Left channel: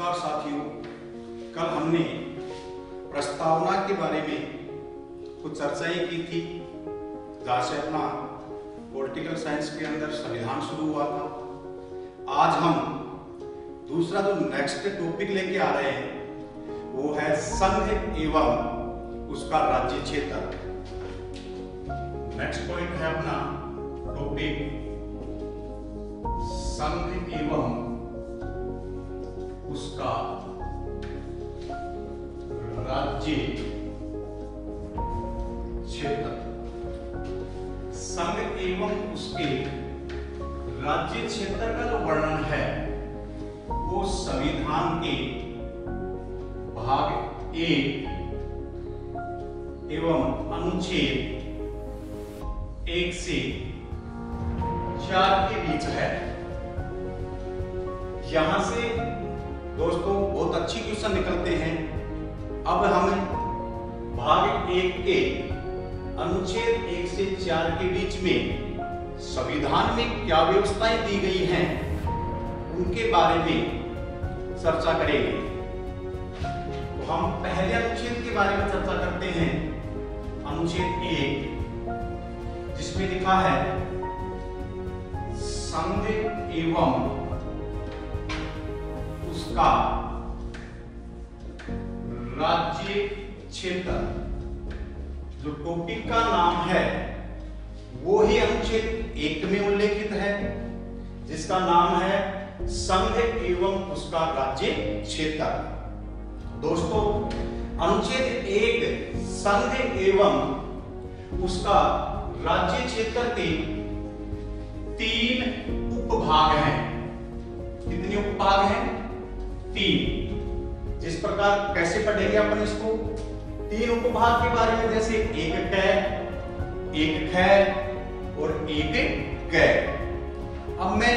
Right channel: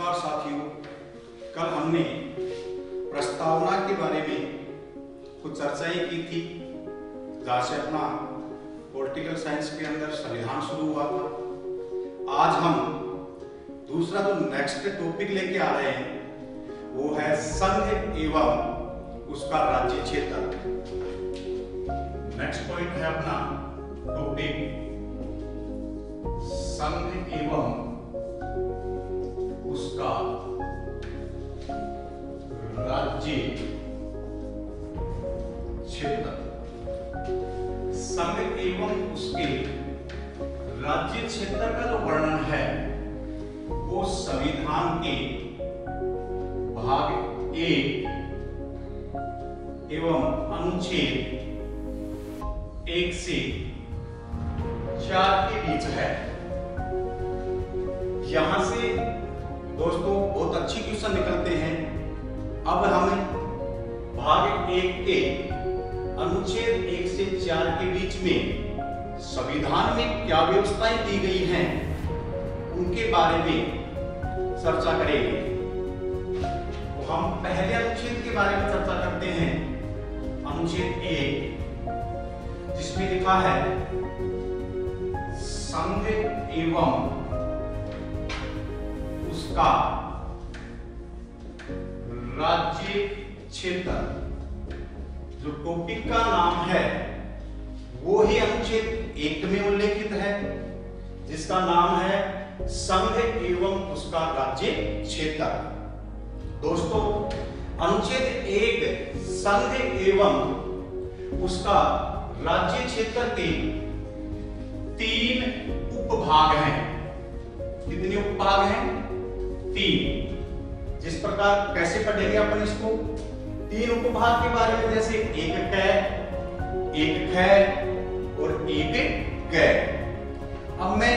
नमस्कार साथियों, कल हमने प्रस्तावना के बारे में कुछ चर्चाएं की थी, जहाँ से अपना पॉलिटिकल साइंस के अंदर संविधान शुरू हुआ था। आज हम दूसरा जो नेक्स्ट टॉपिक लेके आ रहे हैं वो है संघ एवं उसका राज्य क्षेत्र। नेक्स्ट पॉइंट है अपना टॉपिक संघ एवं उसका राज्य क्षेत्र। संघ एवं उसके राज्य क्षेत्र का जो वर्णन है वो संविधान के भाग 1 एवं अनुच्छेद 1 से 4 के बीच है। यहां से दोस्तों बहुत अच्छी क्वेश्चन निकलते हैं। अब हम भाग 1 के अनुच्छेद 1 से 4 के बीच में संविधान में क्या व्यवस्थाएं दी गई हैं उनके बारे में चर्चा करेंगे। तो हम पहले अनुच्छेद के बारे में चर्चा करते हैं। अनुच्छेद 1 जिसमें लिखा है संघ एवं उसका राज्य क्षेत्र। जो टॉपिक का नाम है वो ही अनुच्छेद 1 में उल्लेखित है, जिसका नाम है संघ एवं उसका राज्य क्षेत्र। दोस्तों अनुच्छेद 1 संघ एवं उसका राज्य क्षेत्र के 3 उपभाग हैं। कितने उपभाग हैं? 3। जिस प्रकार कैसे पढ़ेंगे अपन इसको? 3 उपभाग के बारे में, जैसे एक कै, एक खै और एक कै। अब मैं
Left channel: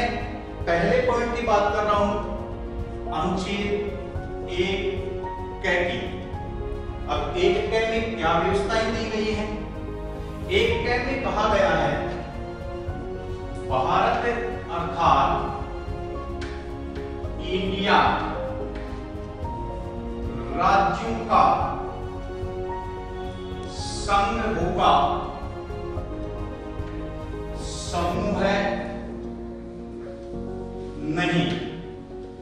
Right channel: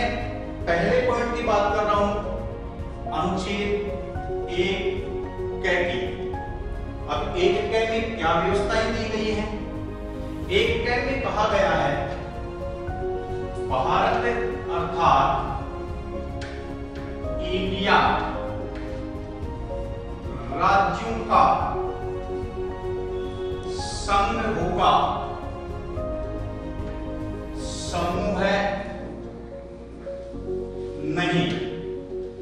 पहले पॉइंट की बात कर रहा हूं, अनुच्छेद 1 कै की। अब एक कै में क्या व्यवस्थाएं दी गई हैं? एक कै में कहा गया है भारत अर्थात इंडिया राज्यों का संघ होगा, समूह है नहीं।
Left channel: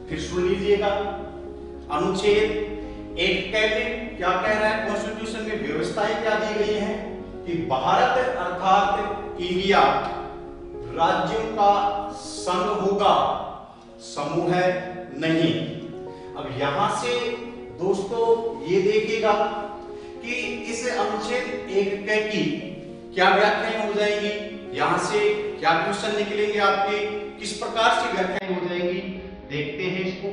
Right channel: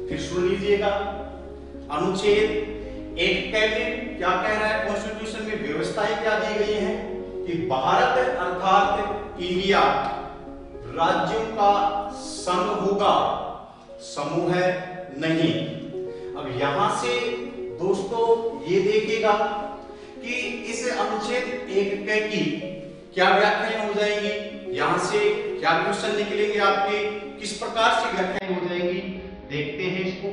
फिर सुन लीजिएगा, अनुच्छेद 1 कै में क्या कह रहा है? कॉन्स्टिट्यूशन में व्यवस्थाएं क्या दी गई हैं कि भारत अर्थात इंडिया राज्यों का संघ होगा, समूह है नहीं। अब यहां से दोस्तों ये देखिएगा कि इस अनुच्छेद 1 कै की क्या व्याख्याएं हो जाएंगी, यहां से क्या क्वेश्चन निकलेंगे आपके, किस प्रकार से व्याख्याएं हो जाएंगी, देखते हैं इसको।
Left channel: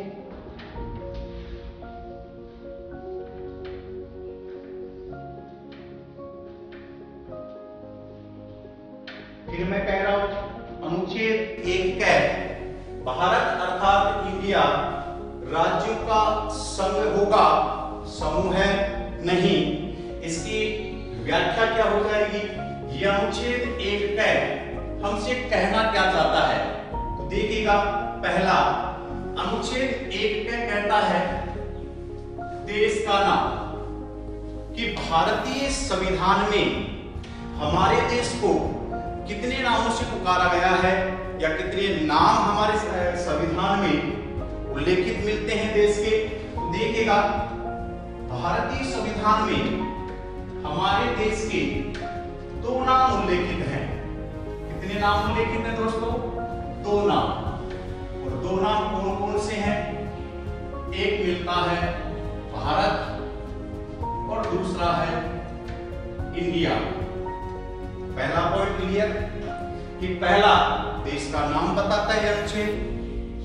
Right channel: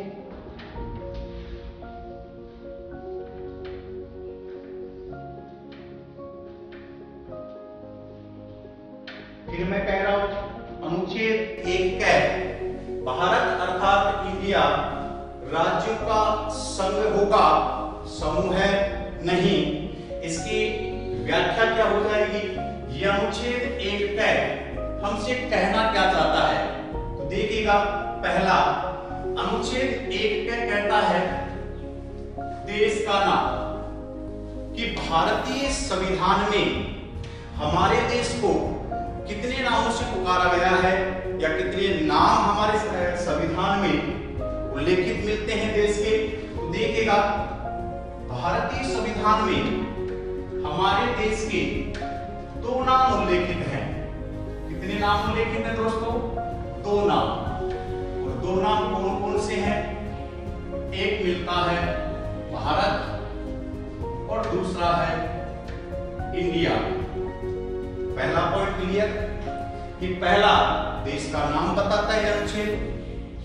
फिर मैं कह रहा हूं अनुच्छेद 1 कै भारत अर्थात इंडिया राज्यों का संघ होगा, समूह है नहीं। इसकी व्याख्या क्या हो जाएगी? यह अनुच्छेद 1 कै हमसे कहना क्या चाहता है? तो देखिएगा, पहला अनुच्छेद 1 कै कहता है देश का नाम, कि भारतीय संविधान में हमारे देश को कितने नामों से पुकारा गया है या कितने नाम हमारे संविधान में उल्लेखित मिलते हैं देश के। तो देखिएगा, भारतीय संविधान में हमारे देश के 2 नाम उल्लेखित हैं। कितने नाम उल्लेखित हैं दोस्तों? 2 नाम। और 2 नाम कौन कौन से हैं? एक मिलता है भारत और दूसरा है इंडिया। पहला पॉइंट क्लियर कि पहला देश का नाम बताता है अनुच्छेद,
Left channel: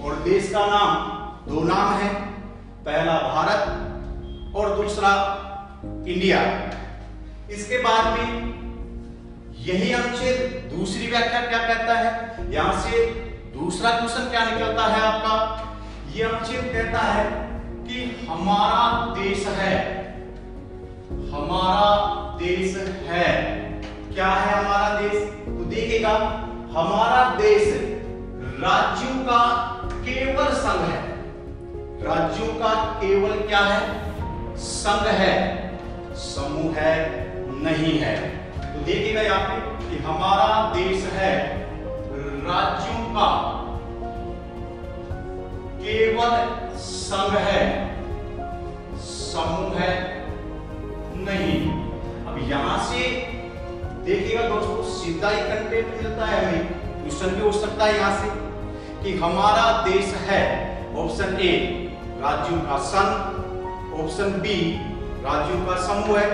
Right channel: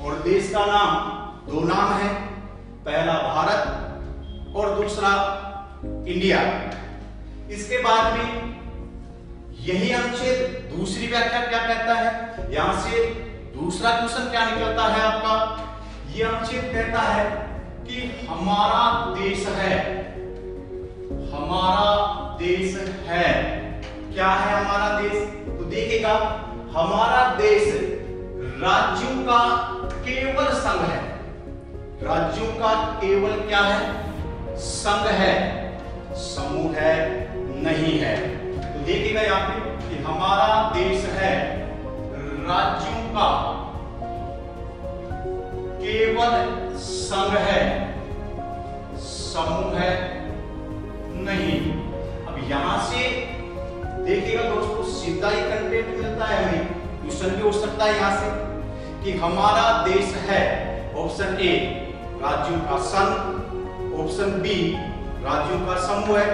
और देश का नाम 2 नाम है, पहला भारत और दूसरा इंडिया। इसके बाद में यही अनुच्छेद दूसरी व्याख्या क्या कहता है? यहां से दूसरा क्वेश्चन क्या निकलता है आपका? यह अनुच्छेद कहता है कि हमारा देश है, हमारा देश है। क्या है हमारा देश? तो देखिएगा, हमारा देश राज्यों का केवल संघ है, राज्यों का केवल क्या है? संघ है, समूह है नहीं है। तो देखिएगा यहाँ पे कि हमारा देश है राज्यों का केवल संघ है, समूह है नहीं। अब यहां से देखिएगा दोस्तों, सीधा ही कंटेंट मिलता है हमें, क्वेश्चन भी हो सकता है यहां से कि हमारा देश है ऑप्शन ए राज्यों का संघ, ऑप्शन बी राज्यों का समूह है,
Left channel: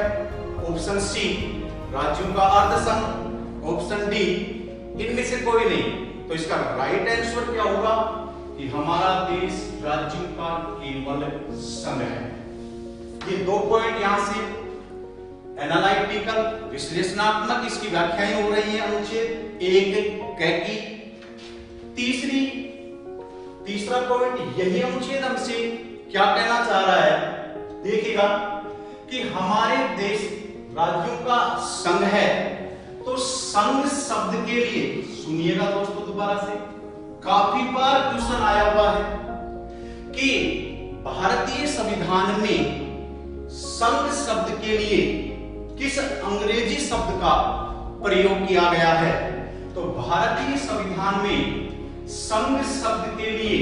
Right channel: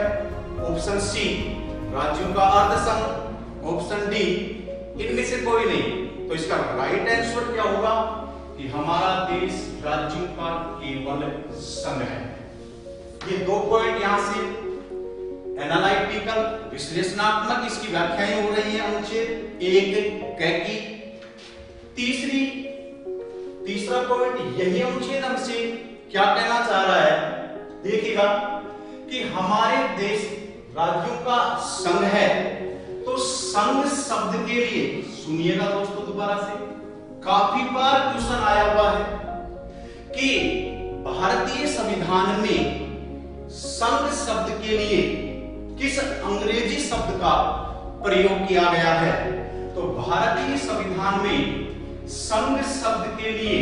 ऑप्शन सी राज्यों का अर्ध संघ, ऑप्शन डी इनमें से कोई नहीं। तो इसका राइट आंसर क्या होगा कि हमारा देश राज्यों का केवल संघ है। ये 2 पॉइंट यहां से एनालिटिकल विश्लेषणात्मक इसकी व्याख्याएं हो रही है अनुच्छेद 1 क की। तीसरा पॉइंट यही अनुच्छेद हमसे क्या कहना चाह रहा है, देखिएगा कि हमारे देश राज्यों का संघ है। तो संघ शब्द के लिए सुनिएगा दोस्तों, दोबारा से काफी बार क्वेश्चन आया हुआ है कि भारतीय संविधान में संघ शब्द के लिए किस अंग्रेजी शब्द का प्रयोग किया गया है। तो भारतीय संविधान में संघ शब्द के लिए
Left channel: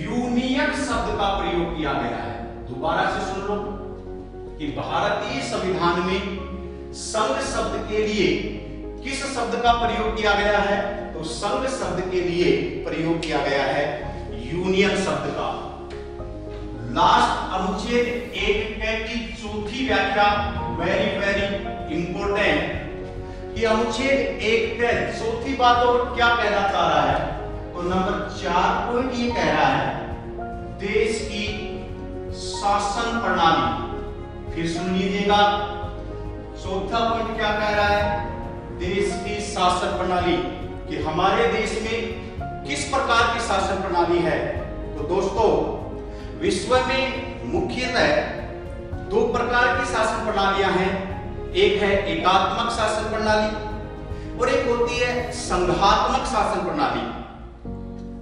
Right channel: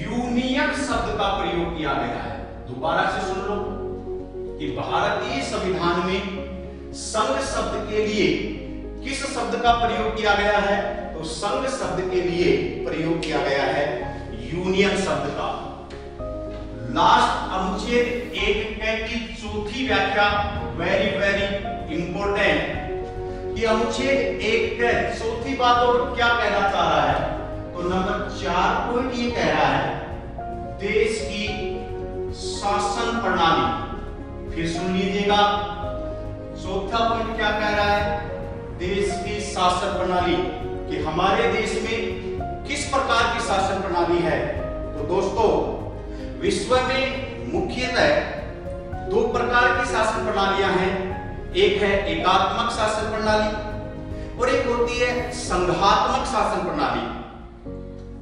यूनियन शब्द का प्रयोग किया गया है। दोबारा से सुन लो कि भारतीय संविधान में संघ शब्द के लिए किस शब्द का प्रयोग किया गया है। तो संघ शब्द के लिए प्रयोग किया गया है यूनियन शब्द का। लास्ट अनुच्छेद 1 क की चौथी व्याख्या वेरी इंपोर्टेंट कि अनुच्छेद 1 क चौथी बात और क्या कहना चाह रहा है। तो नंबर 4 पॉइंट ये कह रहा है देश की शासन प्रणाली। फिर सुन लीजिएगा, चौथा पॉइंट क्या कह रहा है, देश की शासन प्रणाली, कि हमारे देश में किस प्रकार की शासन प्रणाली है। तो दोस्तों विश्व में मुख्यतः 2 प्रकार की शासन प्रणालियां हैं। एक है एकात्मक शासन प्रणाली और एक होती है संघात्मक शासन प्रणाली।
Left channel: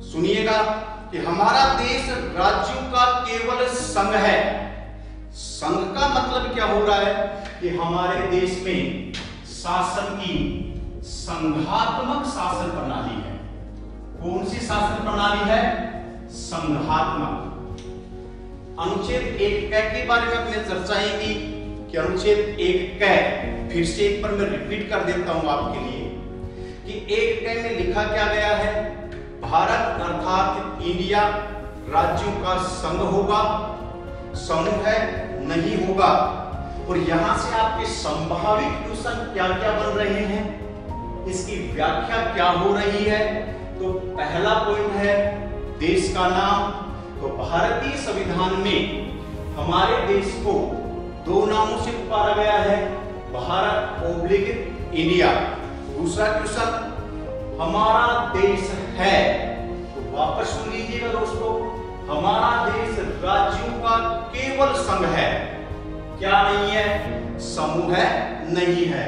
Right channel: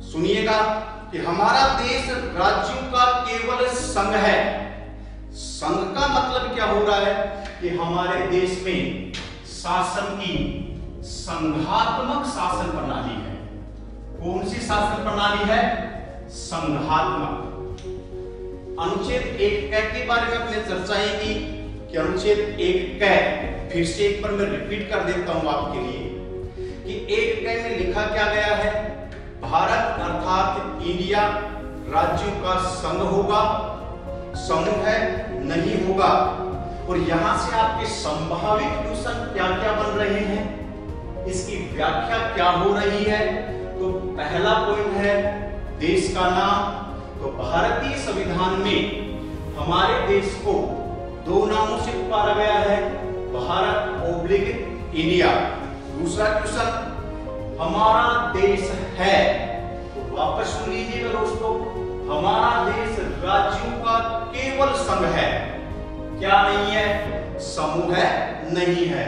सुनिएगा कि हमारा देश राज्यों का केवल संघ है। संघ का मतलब क्या हो रहा है कि हमारे देश में शासन की संघात्मक शासन प्रणाली है। कौन सी शासन प्रणाली है? संघात्मक। अनुच्छेद 1 क के बारे में अपने चर्चाएं की कि अनुच्छेद 1 क फिर से एक बार मैं रिपीट कर देता हूं आपके लिए कि 1 क में लिखा क्या गया है, भारत अर्थात इंडिया राज्यों का संघ होगा, समूह है नहीं होगा। और यहां से आपके संभावित क्वेश्चन क्या क्या बन रहे हैं, इसकी व्याख्या क्या हो रही है। तो पहला पॉइंट है देश का नाम। तो भारतीय संविधान में हमारे देश को 2 नामों से पुकारा गया है, भारत ओब्लिक इंडिया। दूसरा क्वेश्चन हमारा देश है। तो वापस सुन लीजिएगा दोस्तों, हमारा देश राज्यों का केवल संघ है, क्या नहीं है? समूह है नहीं है।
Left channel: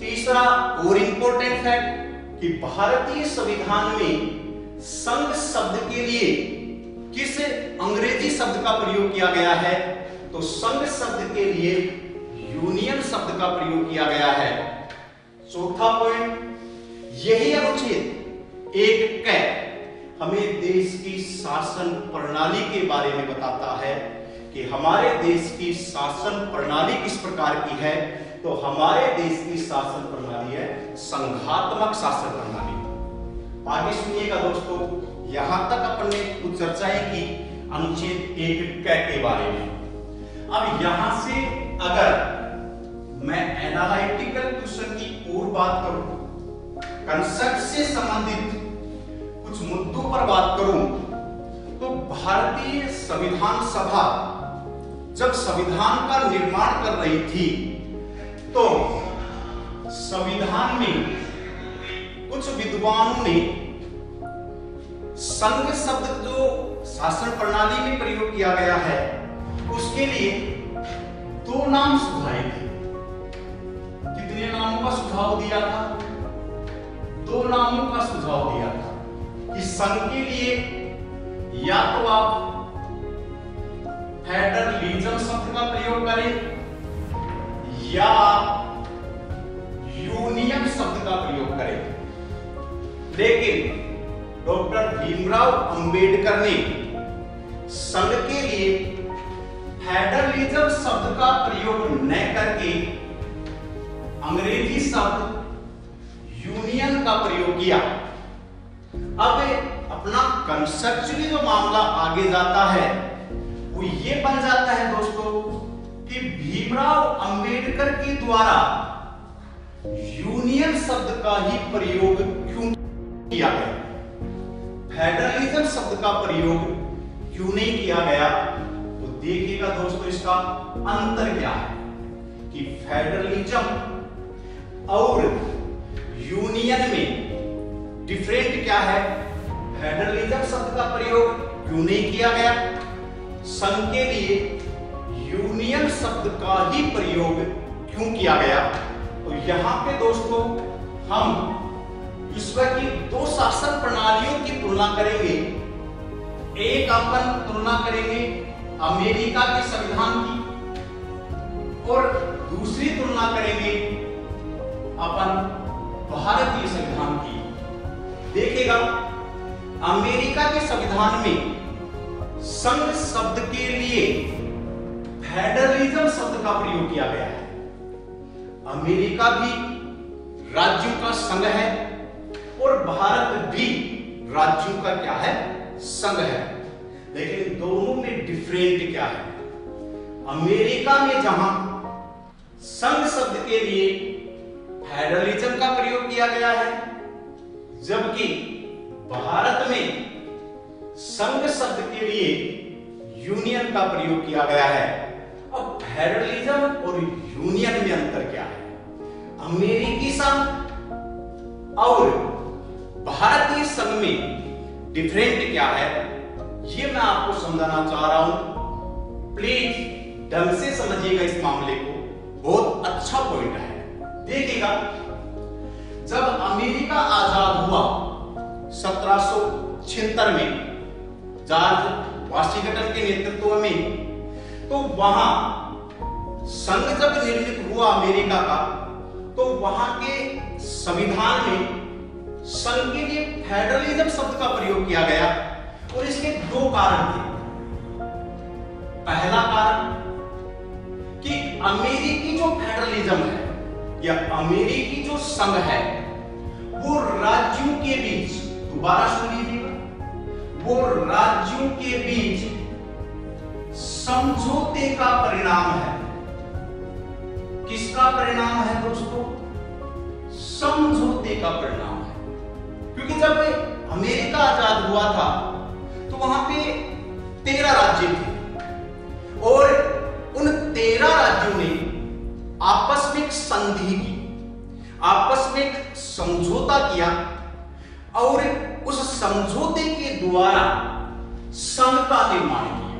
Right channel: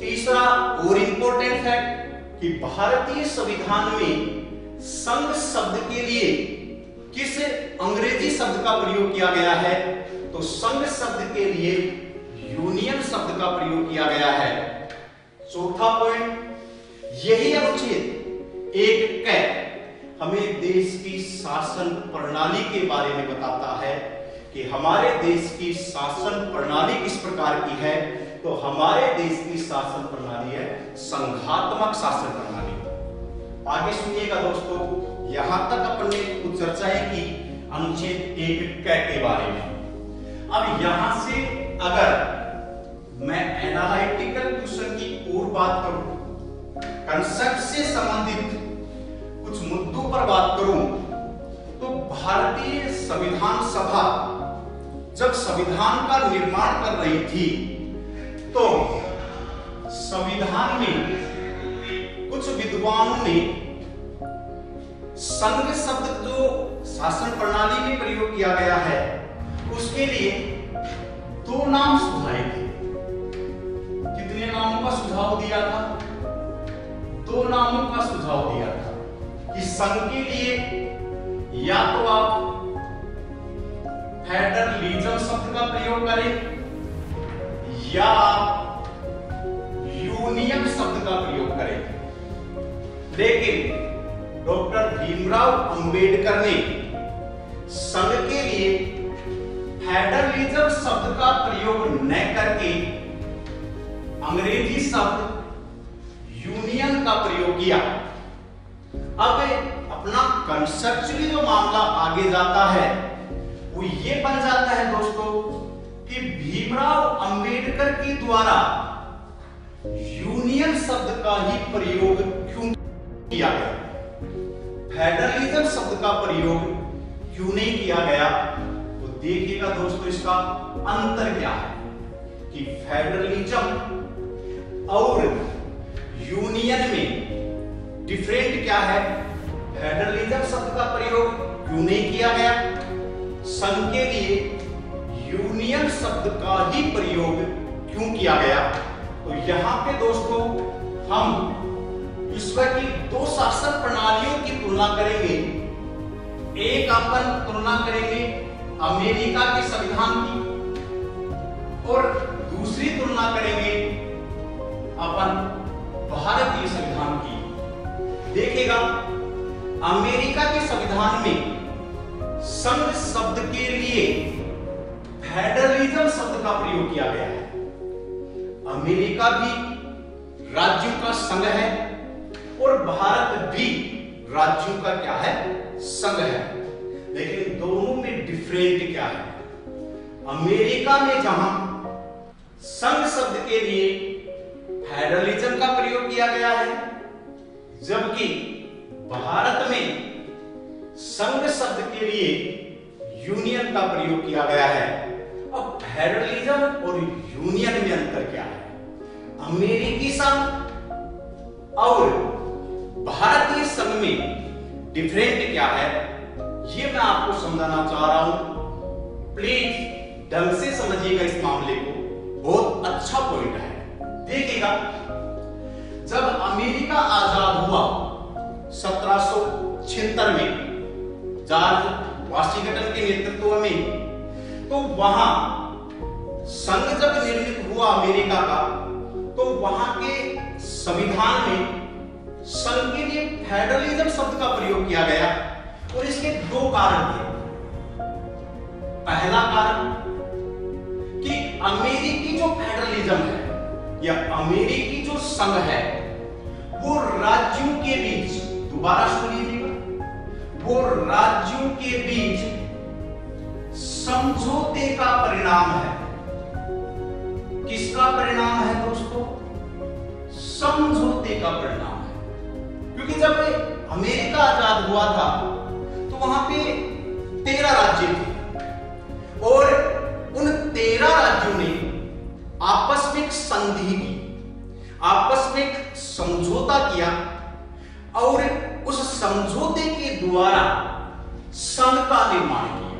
तीसरा और इंपॉर्टेंट फैक्ट कि भारतीय संविधान में संघ शब्द के लिए किस अंग्रेजी शब्द का प्रयोग किया गया है। तो संघ शब्द के लिए यूनियन शब्द का प्रयोग किया गया है। चौथा पॉइंट, यही अनुच्छेद 1 क हमें देश की शासन प्रणाली के बारे में बताता है कि हमारे देश की शासन प्रणाली किस प्रकार की है। तो हमारे देश की शासन प्रणाली है संघात्मक शासन प्रणाली। आगे सुनिएगा दोस्तों, यहां तक अपन ने कुछ चर्चाएं की अनुच्छेद 1 क के बारे में। अब यहां से अगर मैं एनालिटिकल क्वेश्चन की और बात करूं, कंसेप्ट से संबंधित कुछ मुद्दों पर बात करूं, तो भारतीय संविधान सभा जब संविधान का निर्माण कर रही थी तो संविधान में कुछ विद्वानों ने संघ शब्द जो शासन प्रणाली में प्रयोग किया गया है उसके लिए 2 नाम सुझाए थे। कितने नामों का सुझाव दिया था? 2 नामों का सुझाव दिया था कि संघ के लिए या तो आप फेडरलिज्म शब्द का प्रयोग करें या यूनियन शब्द का प्रयोग करें, लेकिन डॉक्टर भीमराव अंबेडकर ने संघ के लिए फेडरलिज्म शब्द का प्रयोग न करके अंग्रेजी शब्द यूनियन का प्रयोग किया। अब अपना कंसेप्चुअली जो मामला आगे जाता है वो ये बन जाता है दोस्तों कि भीमराव अंबेडकर के द्वारा यूनियन शब्द का ही प्रयोग क्यों किया गया, फेडरलिज्म शब्द का प्रयोग क्यों नहीं किया गया। तो देखिएगा दोस्तों इसका अंतर क्या है कि फेडरलिज्म और यूनियन में डिफरेंट क्या है। फेडरलिज्म शब्द का प्रयोग क्यों नहीं किया गया, संघ के लिए यूनियन शब्द का ही प्रयोग क्यों किया गया। तो यहां पे दोस्तों हम विश्व की दो शासन प्रणालियों की तुलना करेंगे। एक अपन तुलना करेंगे अमेरिका के संविधान की और दूसरी तुलना करेंगे अपन भारतीय संविधान की। देखिएगा अमेरिका के संविधान में संघ शब्द के लिए फेडरलिज्म शब्द का प्रयोग किया गया है। अमेरिका भी राज्यों का संघ है और भारत भी राज्यों का क्या है, संघ है। लेकिन दोनों में डिफरेंट क्या है। अमेरिका में जहां संघ शब्द के लिए फेडरलिज्म का प्रयोग किया गया है, जबकि भारत में संघ शब्द के लिए यूनियन का प्रयोग किया गया है। अब फेडरलिज्म और यूनियन में अंतर क्या है, अमेरिकी संघ और भारतीय संघ में डिफरेंट क्या है, ये मैं आपको समझाना चाह रहा हूं। प्लीज ढंग से समझिएगा इस मामले को, बहुत अच्छा पॉइंट है। देखिएगा जब अमेरिका आजाद हुआ 1776 में जॉर्ज वाशिंगटन के नेतृत्व में, तो वहां संघ जब निर्मित हुआ अमेरिका का, तो वहां के संविधान में संघ के लिए फेडरलिज्म शब्द का प्रयोग किया गया और इसके दो कारण थे। पहला कारण कि अमेरिकी जो फेडरलिज्म है या अमेरिकी जो संघ है वो राज्यों के बीच, दोबारा सुन लीजिएगा, वो राज्यों के बीच समझौते का परिणाम है। किसका परिणाम है दोस्तों, समझौते का परिणाम है। क्योंकि जब अमेरिका आजाद हुआ था तो वहां पे 13 राज्य थे और उन 13 राज्यों ने आपस में संधि की, आपस में समझौता किया और उस समझौते के द्वारा संघ का निर्माण किया,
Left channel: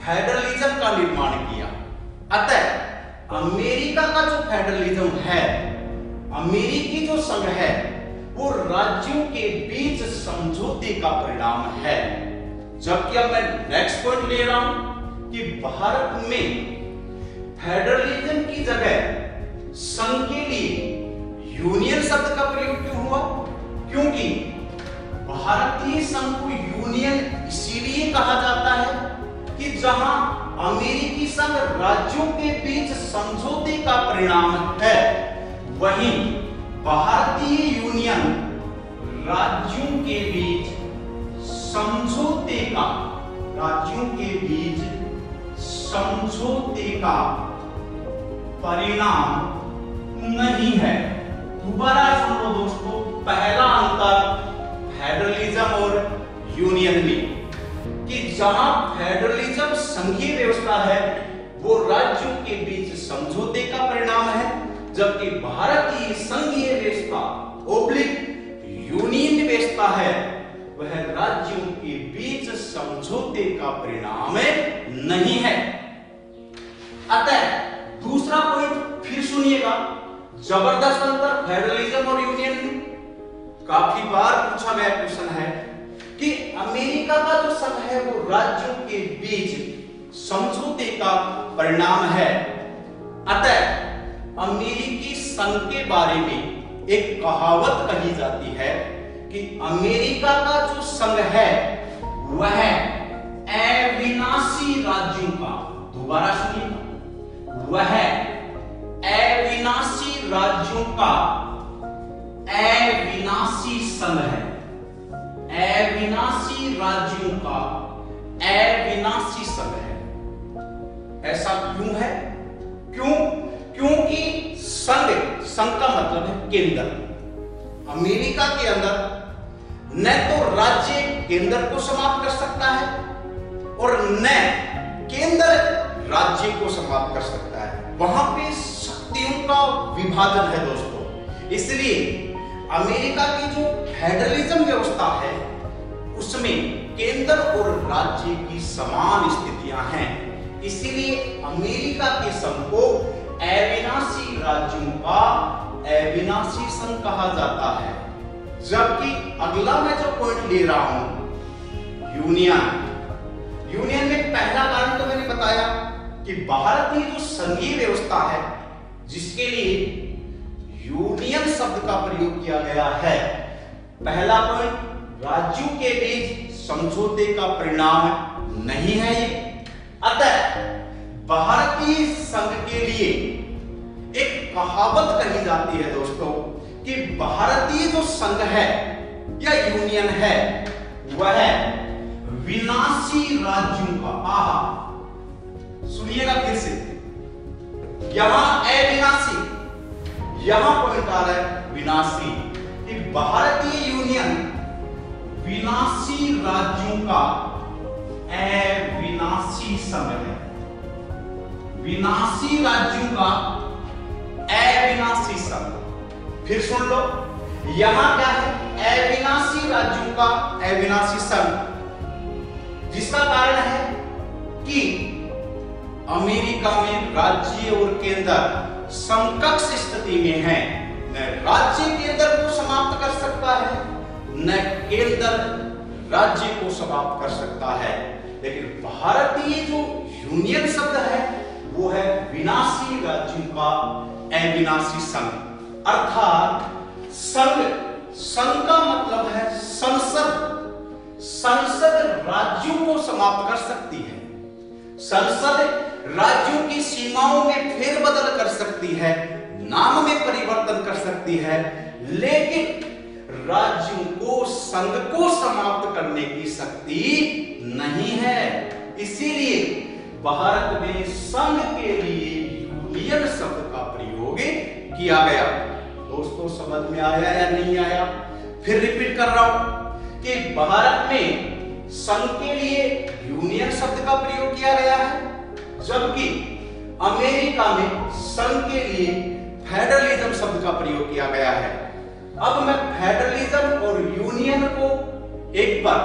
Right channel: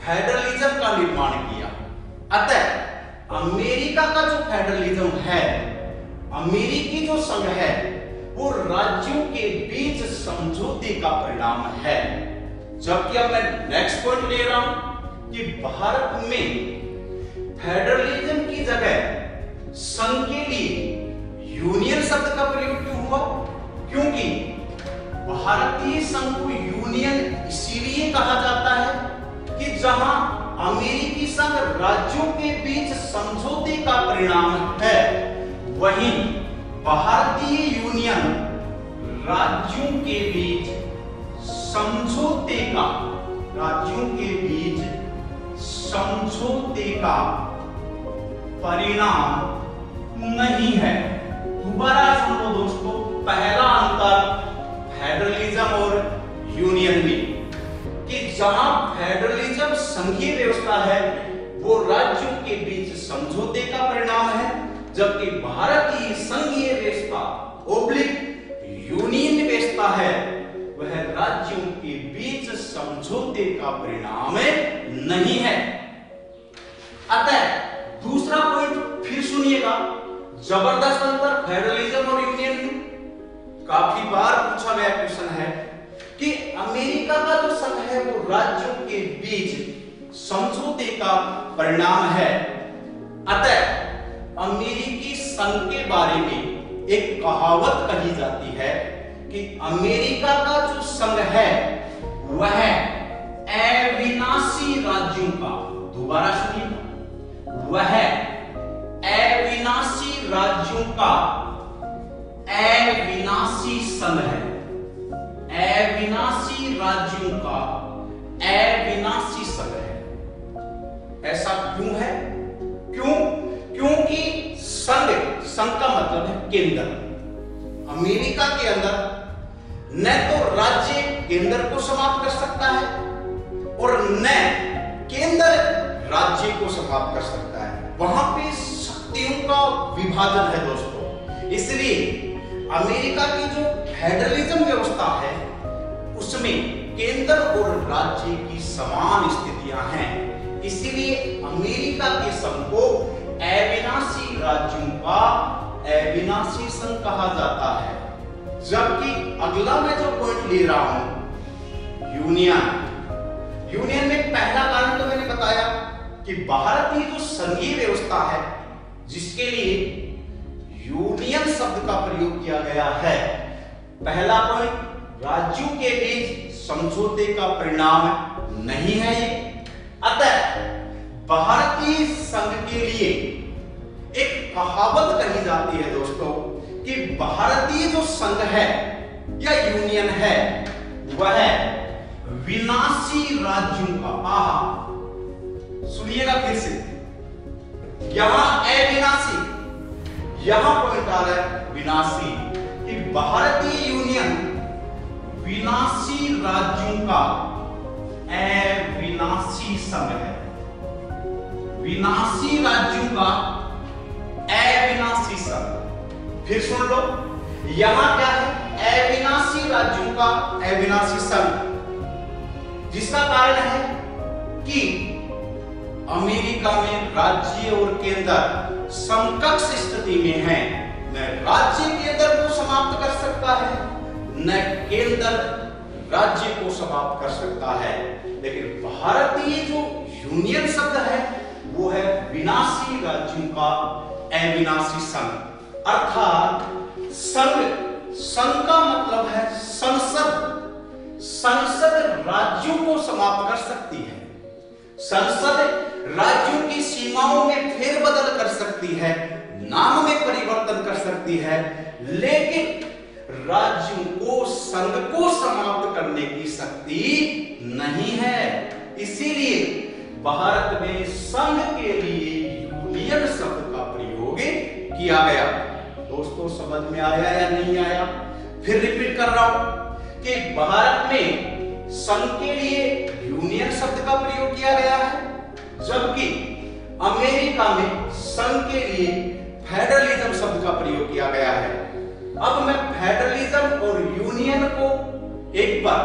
फेडरलिज्म का निर्माण किया। अतः अमेरिका का जो फेडरलिज्म है, अमेरिकी जो संघ है, वो राज्यों के बीच समझौते का परिणाम है। जबकि अब मैं नेक्स्ट पॉइंट ले रहा हूं कि भारत में फेडरलिज्म की जगह संघ के लिए यूनियन शब्द का प्रयोग क्यों हुआ, क्योंकि भारतीय संघ को यूनियन इसीलिए कहा जाता है कि जहां अमेरिकी संघ राज्यों के बीच समझौते का परिणाम है, वहीं भारतीय यूनियन राज्यों के बीच समझौते का, राज्यों के बीच समझौते का परिणाम नहीं है। दोबारा सुनो दोस्तों, पहला अंतर फेडरलिज्म और यूनियन में कि जहां फेडरलिज्म संघीय व्यवस्था है वो राज्यों के बीच समझौते का परिणाम है, जबकि भारतीय संघीय व्यवस्था ओब्लिक यूनियन व्यवस्था है वह राज्यों के बीच समझौते का परिणाम नहीं है। अतः दूसरा पॉइंट फिर सुनिएगा, जबरदस्त अंतर फेडरलिज्म और यूनियन में। काफी बार पूछा गया क्वेश्चन है कि अमेरिका का जो संघ है वो राज्यों के बीच समझौते का परिणाम है। अतः अमेरिकी संघ के बारे में एक कहावत कही जाती है कि अमेरिका का जो संघ है वह अविनाशी राज्यों का, दोबारा सुनिए, वह अविनाशी राज्यों का अविनाशी संघ है। अविनाशी राज्यों का अविनाशी संघ है। ऐसा क्यों है? क्योंकि संघ का मतलब है केंद्र। अमेरिका के अंदर न तो राज्य केंद्र को समाप्त कर सकता है और न केंद्र राज्य को समाप्त कर सकता है। वहां पे शक्तियों का विभाजन है दोस्तों। इसलिए अमेरिका की जो फेडरलिज्म व्यवस्था है उसमें केंद्र और राज्य की समान स्थितियां हैं। इसीलिए अमेरिका के संघ को अविनाशी राज्यों का अविनाशी संघ कहा जाता है। जबकि अगला मैं जो पॉइंट ले रहा हूं, यूनियन में पहला कारण तो मैंने बताया कि भारत की जो संघीय व्यवस्था है जिसके लिए यूनियन शब्द का प्रयोग किया गया है, पहला पॉइंट, राज्यों के बीच समझौते का परिणाम नहीं है ये। अतः भारतीय संघ के लिए एक कहावत कही जाती है दोस्तों कि भारतीय जो संघ है या यूनियन है वह विनाशी राज्यों का, सुनिएगा फिर से, यहां अविनाशी, यहां पॉइंट आ रहा है विनाशी, कि भारतीय यूनियन विनाशी राज्यों का अविनाशी संघ है। विनाशी राज्यों का अविनाशी संघ। फिर सुन लो, यहां क्या है? अविनाशी राज्यों का अविनाशी संघ, जिसका कारण है कि अमेरिका में राज्य और केंद्र समकक्ष स्थिति में है। न राज्य केंद्र को समाप्त कर सकता है, न केंद्र राज्य को समाप्त कर सकता है। लेकिन भारतीय जो यूनियन शब्द है वो है विनाशी राज्यों का अविनाशी संघ। अर्थात संघ का मतलब है संसद। संसद राज्यों को समाप्त कर सकती है। संसद राज्यों की सीमाओं में फेरबदल कर सकती है, नाम में परिवर्तन कर सकती है, लेकिन राज्यों को, संघ को समाप्त करने की शक्ति नहीं है। इसीलिए भारत में संघ के लिए यूनियन शब्द का प्रयोग किया गया। दोस्तों समझ में आया या नहीं आया? फिर रिपीट कर रहा हूं कि भारत में संघ के लिए यूनियन शब्द का प्रयोग किया गया है, जबकि अमेरिका में संघ के लिए फेडरलिज्म शब्द का प्रयोग किया गया है। अब मैं फेडरलिज्म और यूनियन को एक बार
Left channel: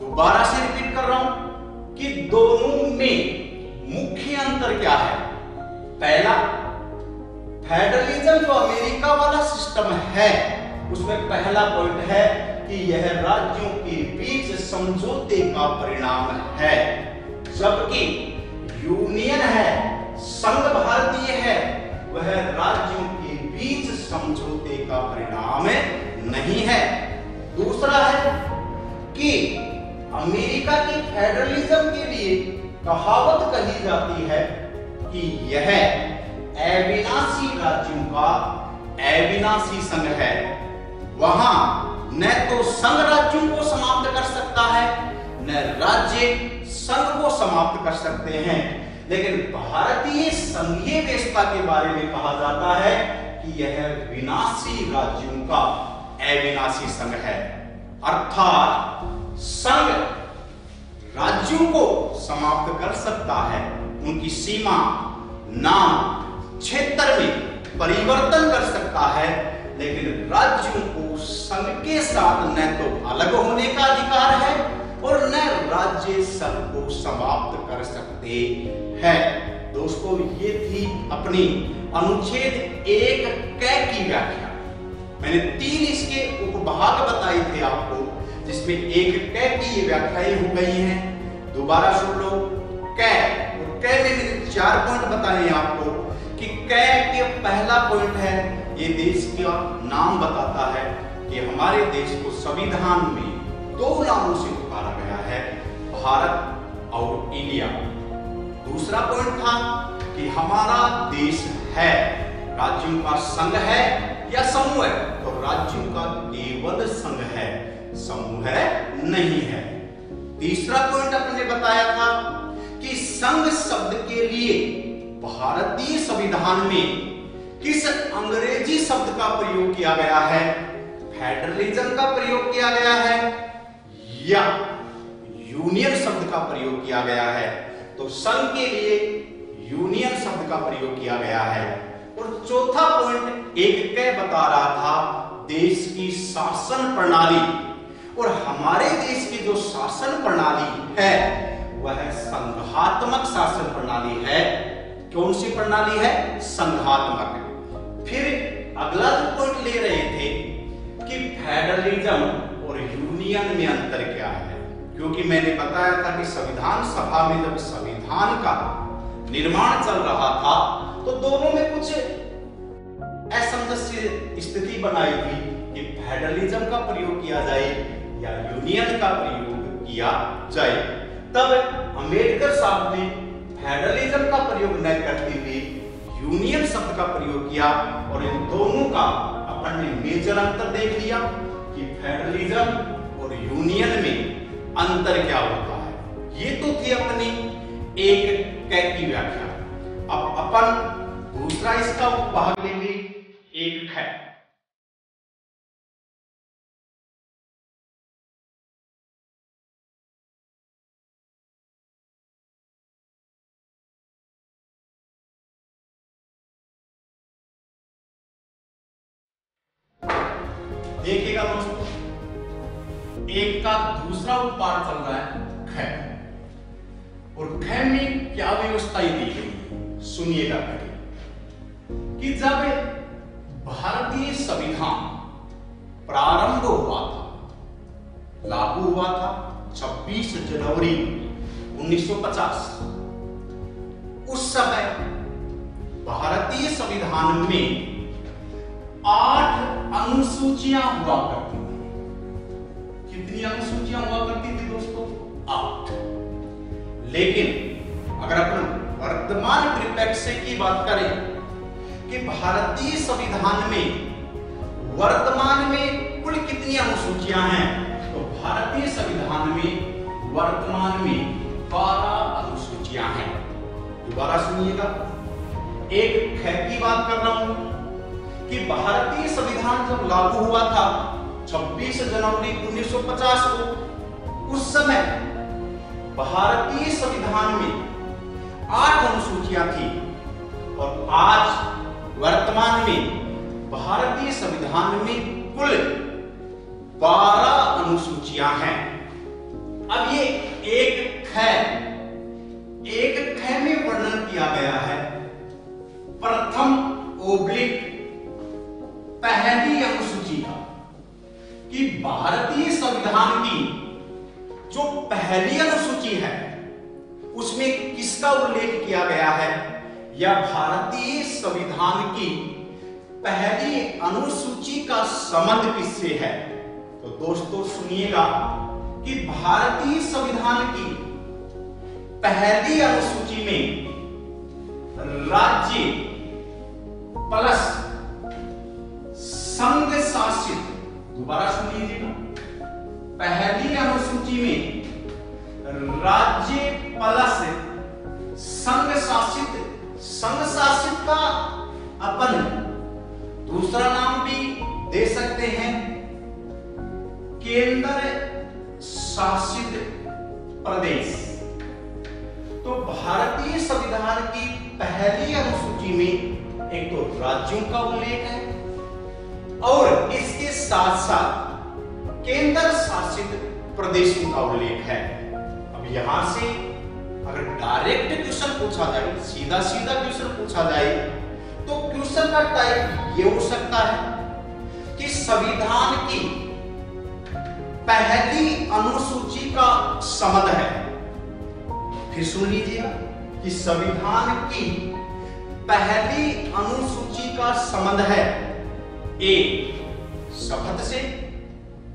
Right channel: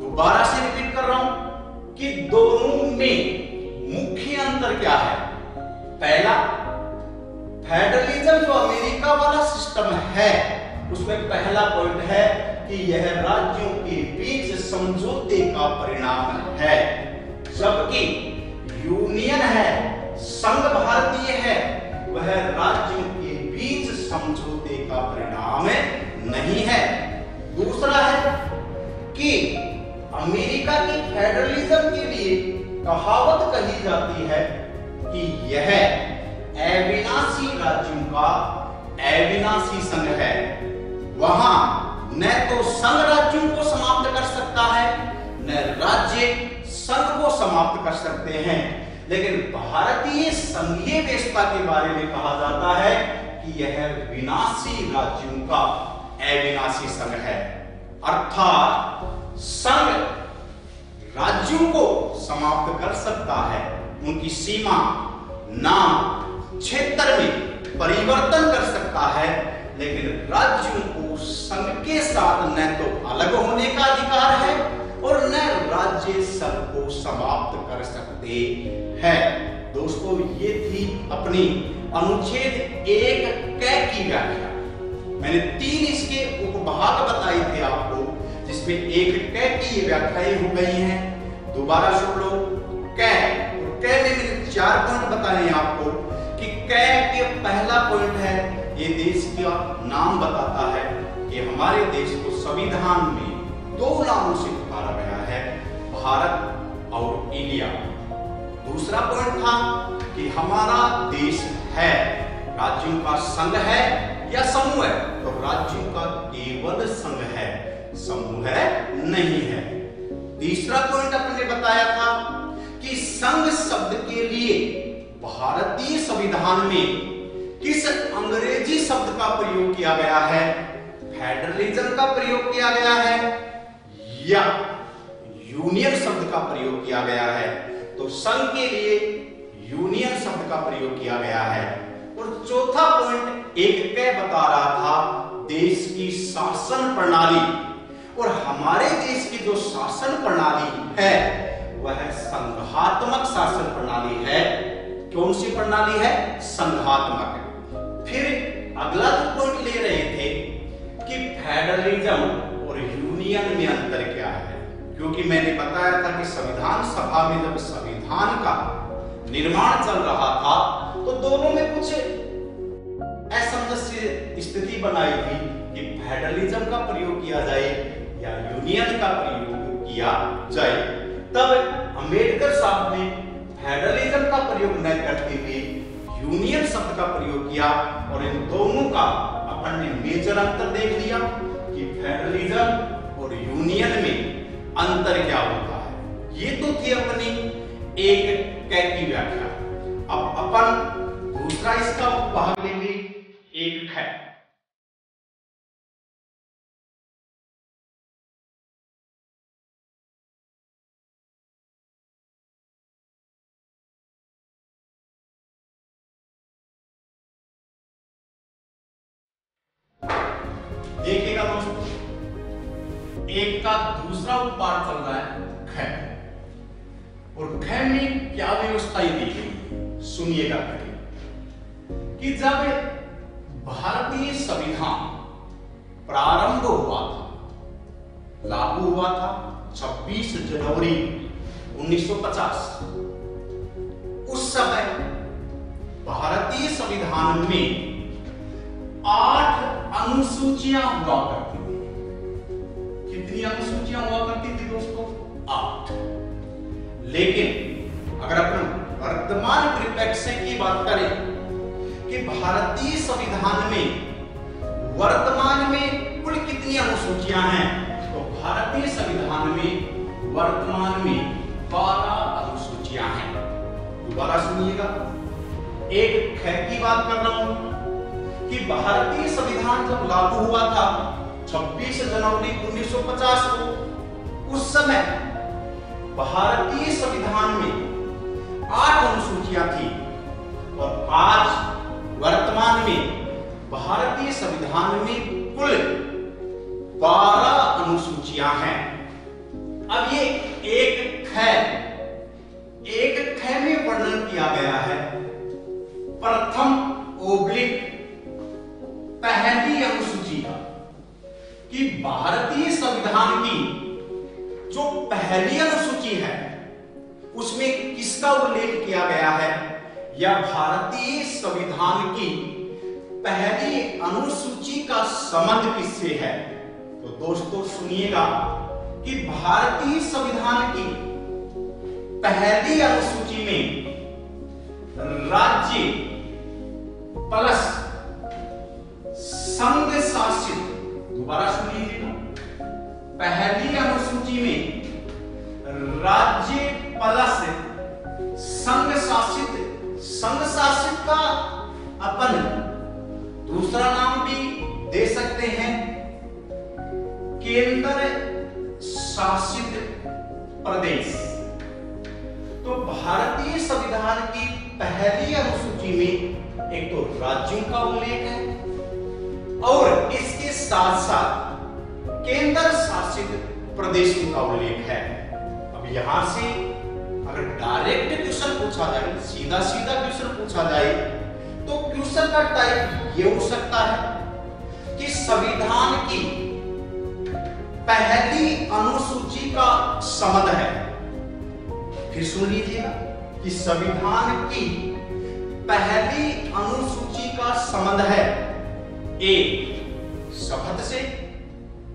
दोबारा से रिपीट कर रहा हूं कि दोनों में मुख्य अंतर क्या है। पहला, फेडरलिज्म जो अमेरिका वाला सिस्टम है उसमें पहला पॉइंट है कि यह राज्यों के बीच समझौते का परिणाम है, जबकि यूनियन है, संघ भारतीय है, वह राज्यों के बीच समझौते का परिणाम नहीं है। दूसरा है कि अमेरिका की फेडरलिज्म के लिए कहावत कही जाती है कि यह अविनाशी राज्यों का अविनाशी संघ है। वहां न तो संघ राज्यों को समाप्त कर सकता है, न राज्य संघ को समाप्त कर सकते हैं। लेकिन भारतीय संघीय व्यवस्था के बारे में कहा जाता है कि यह विनाशी राज्यों का अविनाशी संघ है। अर्थात संघ राज्यों को समाप्त कर सकता है, उनकी सीमा, नाम, क्षेत्र में परिवर्तन कर सकता है, लेकिन राज्यों को संघ के साथ न तो अलग होने का अधिकार है और न राज्य संघ को समाप्त कर सकते हैं। दोस्तों ये थी अपनी अनुच्छेद 1 क की व्याख्या। मैंने 3 इसके उपभाग बताए थे आपको, जिसमें 1 क की ये व्याख्याएं हो गई हैं। दोबारा सुन लो, क 4 पॉइंट बताए आपको कि कै के पहला पॉइंट है, ये देश का नाम बताता है कि हमारे देश को संविधान में 2 नामों से पुकारा गया है, भारत और इंडिया। दूसरा पॉइंट था कि हमारा देश है राज्यों का संघ है या समूह है, तो राज्यों का केवल संघ है, समूह नहीं है। तीसरा पॉइंट अपने बताया था कि संघ शब्द के लिए भारतीय संविधान में किस अंग्रेजी शब्द का प्रयोग किया गया है, फेडरलिज्म का प्रयोग किया गया है या यूनियन शब्द का प्रयोग किया गया है। तो संघ के लिए यूनियन शब्द का प्रयोग किया गया है। और चौथा पॉइंट एक कै बता रहा था देश की शासन प्रणाली, और हमारे देश की जो शासन प्रणाली है वह संघात्मक शासन प्रणाली है। कौन सी प्रणाली है? संघात्मक। फिर अगला जो पॉइंट ले रहे थे कि फेडरलिज्म और यूनियन में अंतर क्या है, क्योंकि मैंने बताया था कि संविधान सभा में जब संविधान का निर्माण चल रहा था तो दोनों में कुछ असमंजस स्थिति बनाई थी कि फेडरलिज्म का प्रयोग किया जाए या यूनियन का प्रयोग किया जाए। तब अंबेडकर साहब ने फेडरलिज्म का प्रयोग न करते हुए यूनियन शब्द का प्रयोग किया, और इन दोनों का अपन ने मेजर अंतर देख लिया कि फेडरलिज्म और यूनियन में अंतर क्या होता है। ये तो थी अपनी एक कै की व्याख्या। अब अपन दूसरा इसका उपभाग लेंगे, एक कै। देखिएगा दोस्तों, एक का दूसरा उत्पाद चल रहा है कै, और कै में क्या व्यवस्था दी गई है सुनिएगा कि जब भारतीय संविधान प्रारंभ हुआ था, लागू हुआ था 26 जनवरी 1950, उस समय भारतीय संविधान में 8 अनुसूचियां हुआ करती थी। कितनी अनुसूचियां हुआ करती थी दोस्तों? 8। लेकिन अगर अपन वर्तमान परिप्रेक्ष्य की बात करें कि भारतीय संविधान में वर्तमान में कुल कितनी अनुसूचियां हैं, तो भारतीय संविधान में वर्तमान में 12 अनुसूचियां हैं। दोबारा सुनिएगा, एक कै की बात कर रहा हूं कि भारतीय संविधान जब लागू हुआ था 26 जनवरी 1950 को, उस समय भारतीय संविधान में 8 अनुसूचियां थी, और आज वर्तमान में भारतीय संविधान में कुल 12 अनुसूचियां हैं। अब ये एक कै में वर्णन किया गया है प्रथम ओब्लिक पहली अनुसूची का, कि भारतीय संविधान की जो पहली अनुसूची है उसमें किसका उल्लेख किया गया है, या भारतीय संविधान की पहली अनुसूची का संबंध किससे है। तो दोस्तों सुनिएगा कि भारतीय संविधान की पहली अनुसूची में राज्य प्लस संघ शासित, दोबारा सुन लीजिएगा, पहली अनुसूची में राज्य प्लस संघ शासित, संघ शासित का अपन दूसरा नाम भी दे सकते हैं केंद्र शासित प्रदेश। तो भारतीय संविधान की पहली अनुसूची में एक तो राज्यों का उल्लेख है और इसके साथ साथ केंद्र शासित प्रदेशों का उल्लेख है। अब यहां से अगर डायरेक्ट क्वेश्चन पूछा जाए, सीधा सीधा क्वेश्चन पूछा जाए, तो क्वेश्चन का टाइप ये हो सकता है कि संविधान की पहली अनुसूची का संबंध है। फिर सुन लीजिएगा, कि संविधान की पहली अनुसूची का संबंध है ए शपथ से,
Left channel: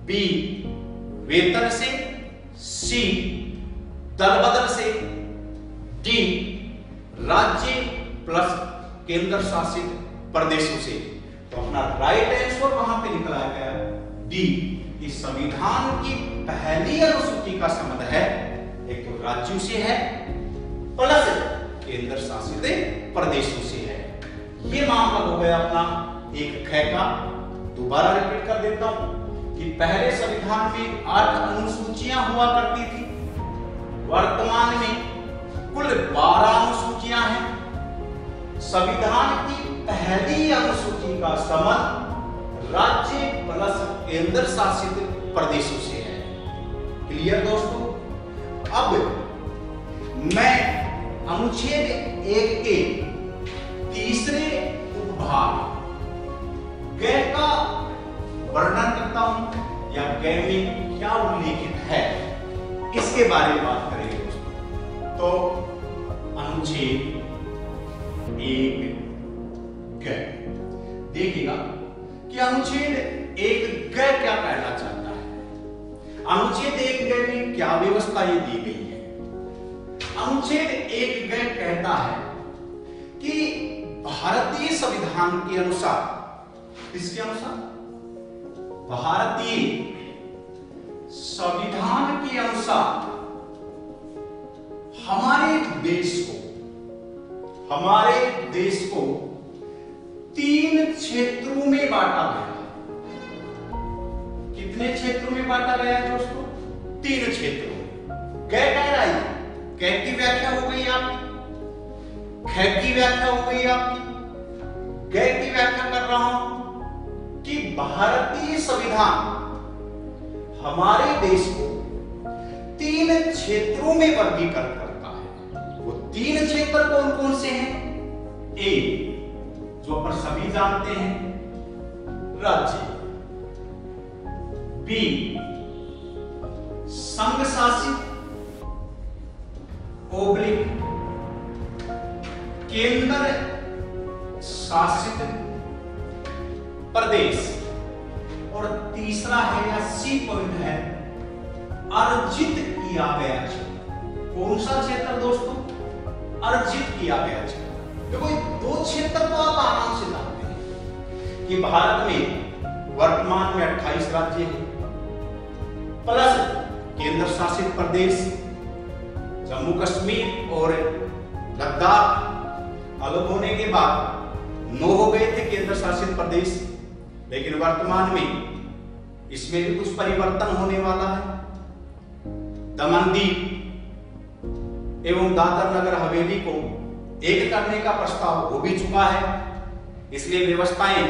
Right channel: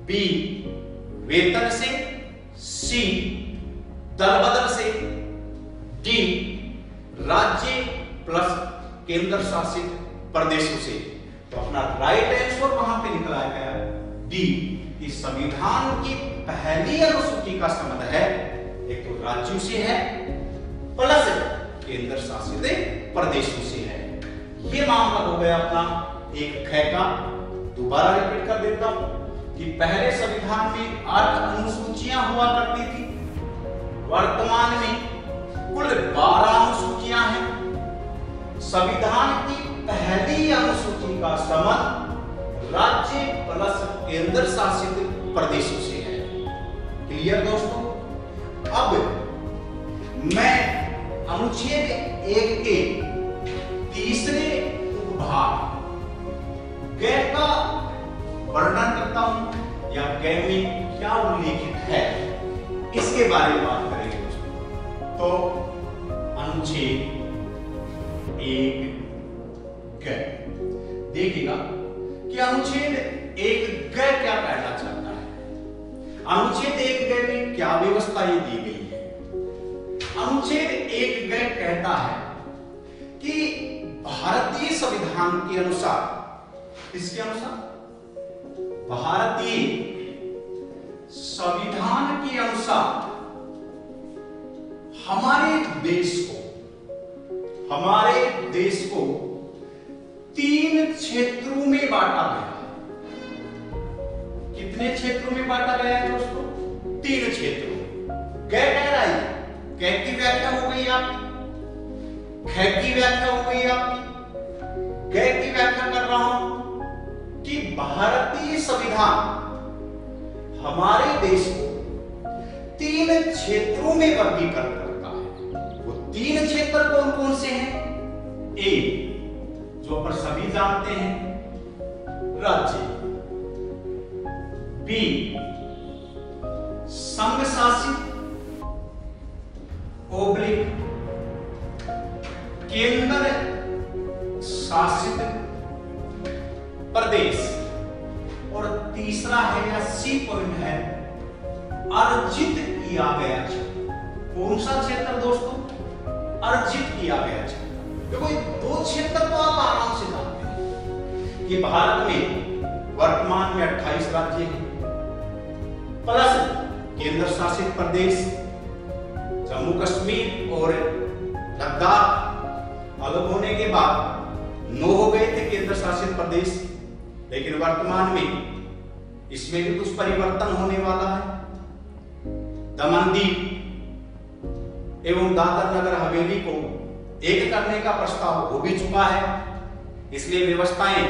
बी वेतन से, सी दल बदल से, डी राज्य प्लस केंद्र शासित प्रदेशों से। तो अपना राइट आंसर वहां पे निकला गया डी, कि संविधान की पहली अनुसूची का संबंध है एक तो राज्यों से है प्लस केंद्र शासित प्रदेशों से है। ये मामला हो गया अपना एक ख का। दोबारा रिपीट कर देता हूं कि पहले संविधान में 8 अनुसूचियां हुआ करती थी, वर्तमान में कुल 12 अनुसूचियां हैं। संविधान की पहली अनुसूची का संबंध राज्य प्लस केंद्र शासित प्रदेशों से है। क्लियर दोस्तों? अब मैं अनुच्छेद 1 के तीसरे उपभाग ग का वर्णन करता हूं, या ग में क्या उल्लेखित है इसके बारे में बात करेंगे दोस्तों। तो अनुच्छेद 1 ग देखिएगा कि अनुच्छेद 1 ग क्या कहना चाहता है। अनुच्छेद 1 ग में क्या व्यवस्था ये दी गई है। अनुच्छेद 1 ग कहता है कि भारतीय संविधान के अनुसार, किसके अनुसार? भारतीय संविधान के अनुसार हमारे देश को 3 क्षेत्रों में बांटा गया है। कितने क्षेत्रों में बांटा गया है दोस्तों? 3 क्षेत्रों। ग कह रहा है, क की व्याख्या हो गई आपकी, ख की व्याख्या हो गई आपकी, ग की व्याख्या कर रहा हूं कि भारतीय संविधान हमारे देश को 3 क्षेत्रों में वर्गीकृत करता है। वो 3 क्षेत्र कौन कौन से हैं? ए जो पर सभी जानते हैं, राज्य, बी संघ शासित ओब्लिक केंद्र शासित प्रदेश, और तीसरा है या सी पॉइंट है अर्जित किया गया क्षेत्र। कौन सा क्षेत्र दोस्तों? अर्जित किया गया क्षेत्र। देखो ये 2 क्षेत्र तो आप आराम से जानते हैं कि भारत में वर्तमान में 28 राज्य हैं प्लस केंद्र शासित प्रदेश जम्मू कश्मीर और लद्दाख अलग होने के बाद 9 हो गए थे केंद्र शासित प्रदेश, लेकिन वर्तमान में इसमें भी कुछ परिवर्तन होने वाला है। दमन दीव एवं दादर नगर हवेली को एक करने का प्रस्ताव हो भी चुका है, इसलिए व्यवस्थाएं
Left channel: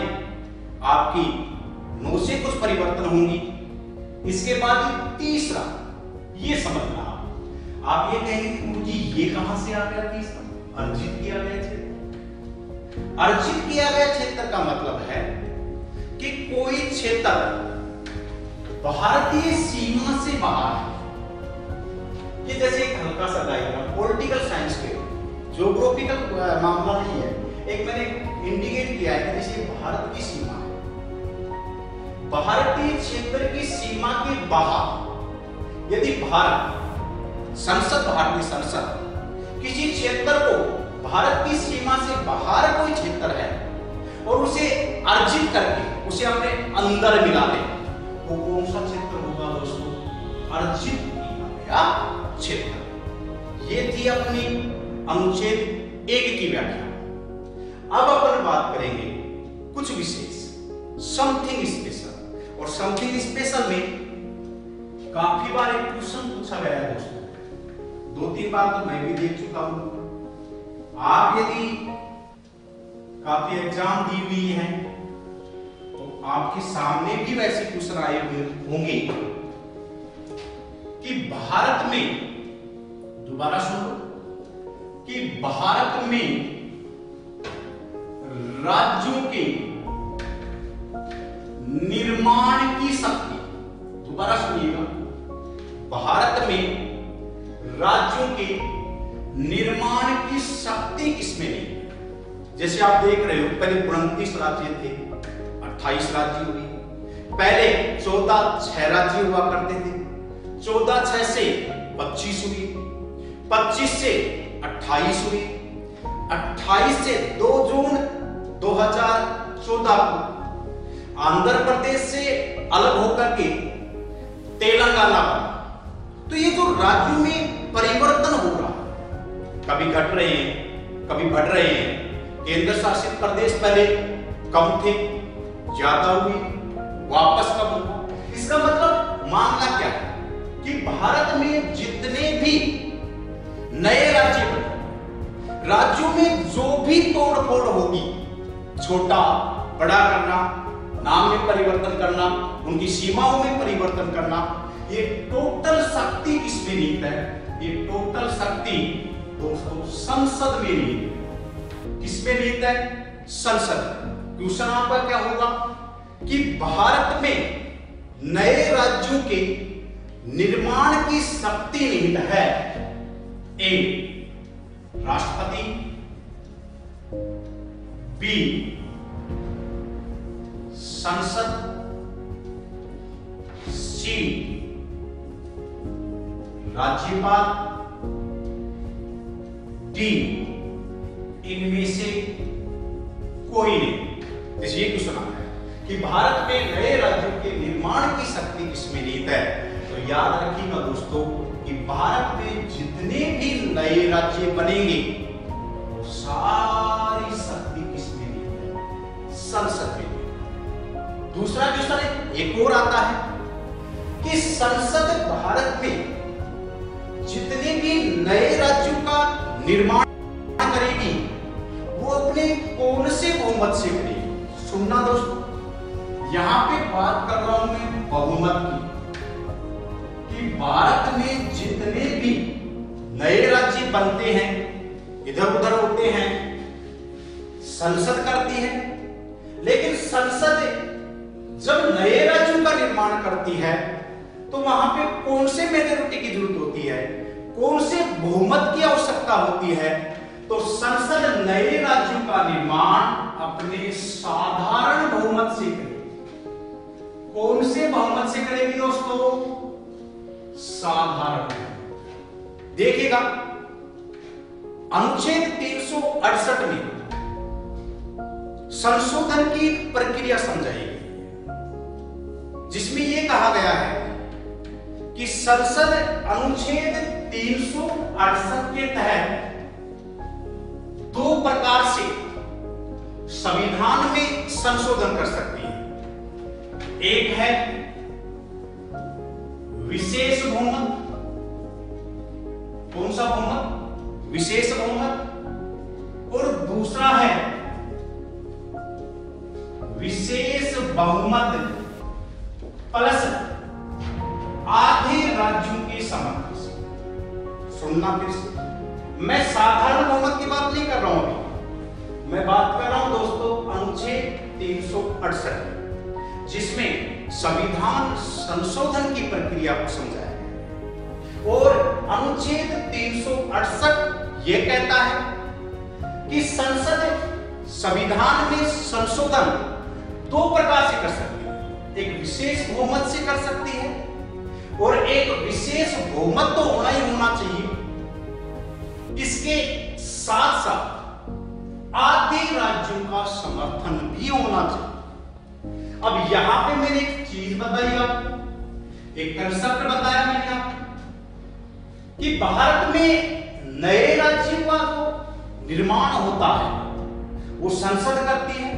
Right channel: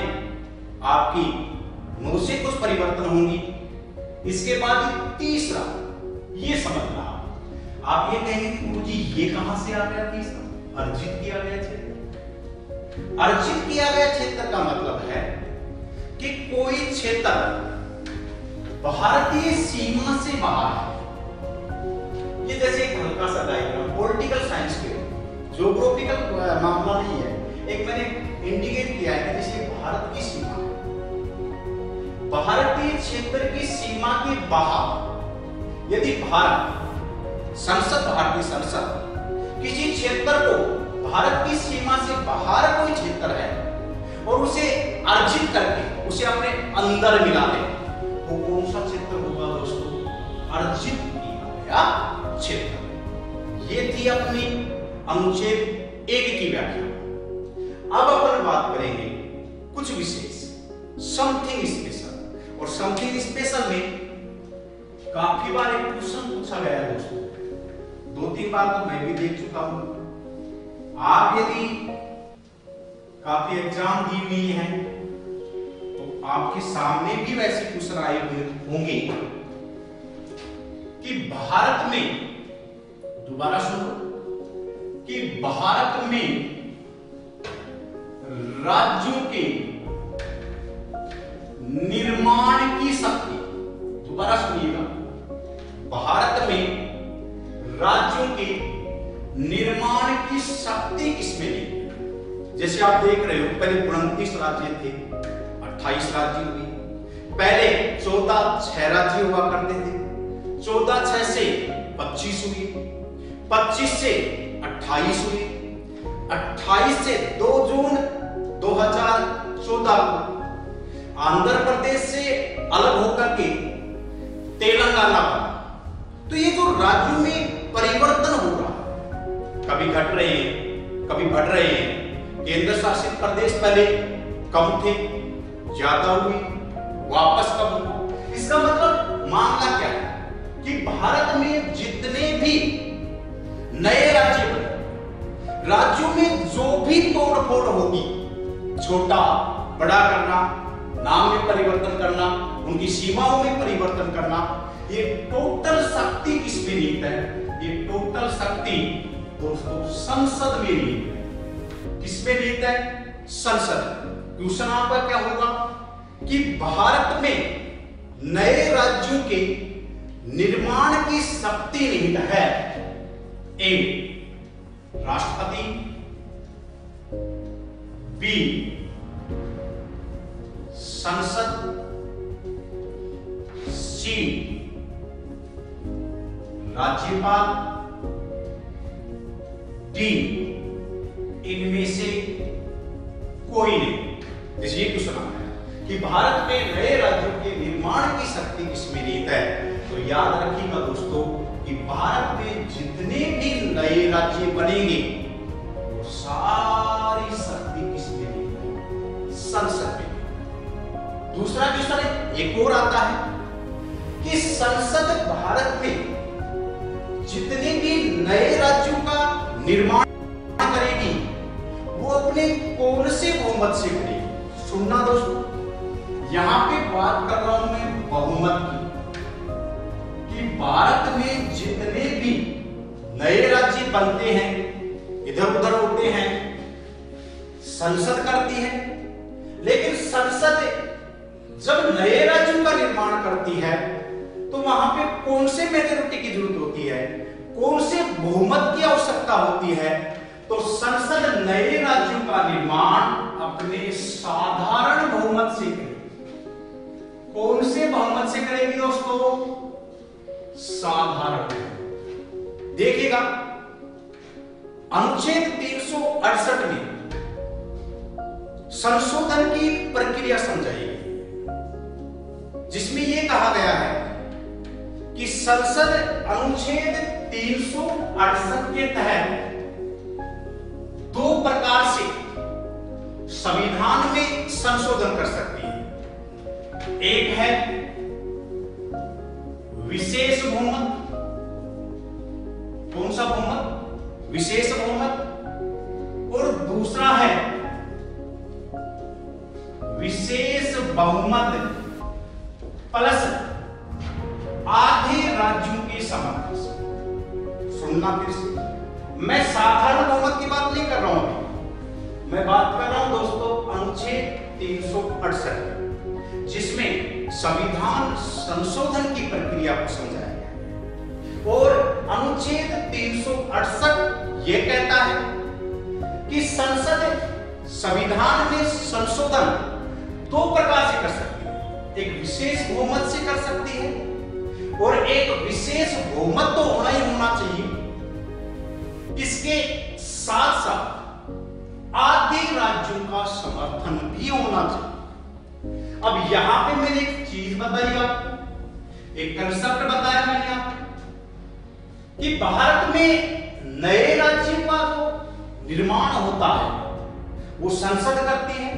आपकी 9 से कुछ परिवर्तन होंगी। इसके बाद तीसरा ये समझना, आप ये कहेंगे कि मुझे ये कहां से आ गया तीसरा? अर्जित किया गया क्षेत्र। अर्जित किया गया क्षेत्र का मतलब है कि कोई क्षेत्र भारतीय सीमा से बाहर है। ये जैसे एक हल्का सा डायग्राम पॉलिटिकल साइंस के, ज्योग्राफिकल मामला नहीं है, एक मैंने इंडिकेट किया है जैसे भारत की सीमा है, भारतीय क्षेत्र की सीमा के बाहर यदि भारतीय संसद किसी क्षेत्र को भारत की सीमा से बाहर कोई क्षेत्र है और उसे अर्जित करके उसे अपने अंदर मिला ले, वो कौन सा क्षेत्र होगा दोस्तों? अर्जित किया गया क्षेत्र। ये थी अपनी अनुच्छेद 1 की व्याख्या। अब अपन बात करेंगे कुछ विशेष, समथिंग स्पेशल। और समथिंग स्पेशल में काफी बार एक क्वेश्चन पूछा गया है दोस्तों, 2-3 बार तो मैं भी देख चुका हूं। आप यदि काफी एग्जाम दी हुई है तो आपके सामने भी वैसे क्वेश्चन आए हुए होंगे कि भारत में, दोबारा सुनो, कि भारत में राज्यों के निर्माण की शक्ति, दोबारा सुनिएगा, भारत में राज्यों के निर्माण की की शक्ति किसमें नहीं है। जैसे आप देख रहे हो, पहले 29 राज्य थे, 28 राज्य हुए। पहले 14 6 राज्य हुआ करते थे, 14 6 से 25 हुए, 25 से 28 हुए, 28 से 2 जून 2014 को आंध्र प्रदेश से अलग होकर के तेलंगाना बना। तो ये जो राज्यों में परिवर्तन हो रहा, कभी घट रहे हैं, कभी बढ़ रहे हैं। केंद्र शासित प्रदेश पहले कम थे, ज्यादा हुए, वापस कम हुए। इसका मतलब मामला क्या है कि भारत में जितने भी नए राज्य बने, राज्यों में जो भी तोड़फोड़ होगी, छोटा बड़ा करना, नाम में परिवर्तन करना, उनकी सीमाओं में परिवर्तन करना, ये टोटल शक्ति किसमें निहित है? ये टोटल शक्ति दोस्तों संसद में निहित है। किसमें निहित है? संसद। क्वेश्चन आपका क्या होगा कि भारत में नए राज्यों के निर्माण की शक्ति निहित है। ए राष्ट्रपति, बी संसद, सी राज्यपाल, डी इनमें से कोई नहीं। जैसे ये क्वेश्चन आता है कि भारत में नए राज्यों के निर्माण की शक्ति किसमें निहित है, तो याद रखिएगा दोस्तों कि भारत में जितने भी नए राज्य बनेंगे वो सारी शक्ति किसमें निहित है? संसद में। दूसरा क्वेश्चन एक और आता है कि संसद भारत में जितने भी नए राज्यों का निर्माण करेगी वो अपने कौन से बहुमत से करेगी? सुनना दोस्तों, यहां पे बात कर रहा हूं मैं बहुमत की, कि भारत में जितने भी नए राज्य बनते हैं, इधर उधर होते हैं, संसद करती है। लेकिन संसद जब नए राज्यों का निर्माण करती है तो वहां पे कौन से मेजोरिटी की जरूरत होती है, कौन से बहुमत की आवश्यकता होती है? तो संसद नए राज्यों का निर्माण अपने साधारण बहुमत से करेगी। कौन से बहुमत से करेगी दोस्तों? साधारण। देखिएगा अनुच्छेद 368 में संशोधन की प्रक्रिया समझाई गई, जिसमें यह कहा गया है कि संसद अनुच्छेद 368 के तहत 2 प्रकार से संविधान में संशोधन कर सकती है। एक है विशेष बहुमत। कौन सा बहुमत? विशेष बहुमत। और दूसरा है विशेष बहुमत प्लस आधे राज्यों के समर्थन से। सुनना फिर से, मैं साधारण बहुमत की बात नहीं कर रहा हूं अभी, मैं बात कर रहा हूं दोस्तों अनुच्छेद 368, जिसमें संविधान संशोधन की प्रक्रिया को समझाया गया। और अनुच्छेद 368 यह कहता है कि संसद संविधान में संशोधन 2 प्रकार से कर सकती है। एक विशेष बहुमत से कर सकती है और एक विशेष बहुमत तो होना ही होना चाहिए, इसके साथ साथ आधे राज्यों का समर्थन भी होना चाहिए। अब यहां पे मैंने एक चीज बताई आपको, एक कंसेप्ट बताया मैंने आपको कि भारत में नए राज्य का जो निर्माण होता है वो संसद करती है,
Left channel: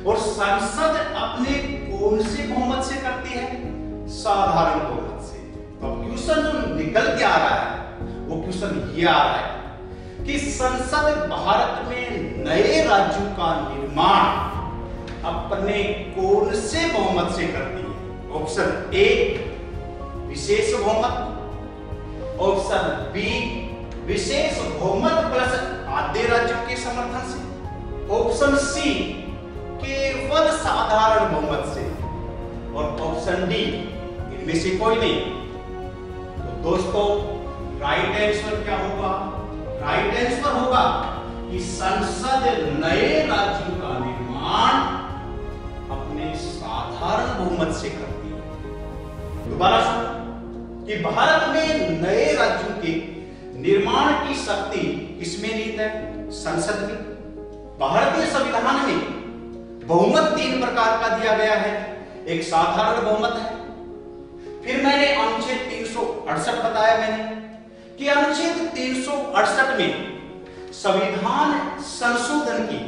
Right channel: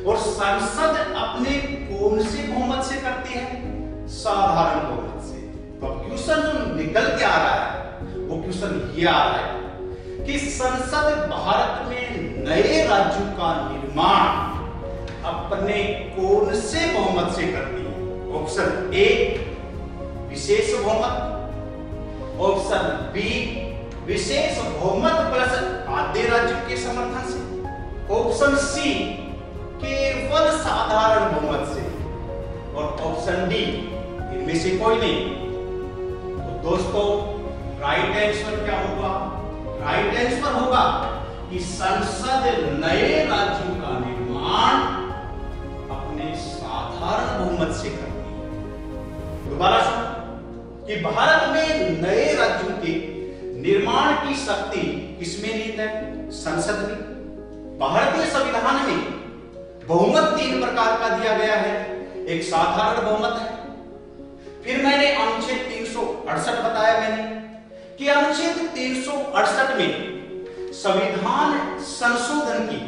और संसद अपने कौन से बहुमत से करती है? साधारण बहुमत से। तो क्वेश्चन जो निकल के आ रहा है वो क्वेश्चन ये आ रहा है कि संसद भारत में नए राज्यों का निर्माण अपने कौन से बहुमत से करती है? ऑप्शन ए विशेष बहुमत, ऑप्शन बी विशेष बहुमत प्लस आधे राज्यों के समर्थन से, ऑप्शन सी केवल साधारण बहुमत से, और ऑप्शन डी इनमें से कोई नहीं। तो दोस्तों राइट आंसर क्या होगा? राइट आंसर होगा कि संसद नए राज्यों का निर्माण अपने साधारण बहुमत से करती है। दोबारा सुनो कि भारत में नए राज्यों के निर्माण की शक्ति किसमें निहित है? संसद में। भारतीय संविधान में बहुमत 3 प्रकार का दिया गया है। एक साधारण बहुमत है, फिर मैंने अनुच्छेद 368 बताया मैंने कि अनुच्छेद 368 में संविधान संशोधन की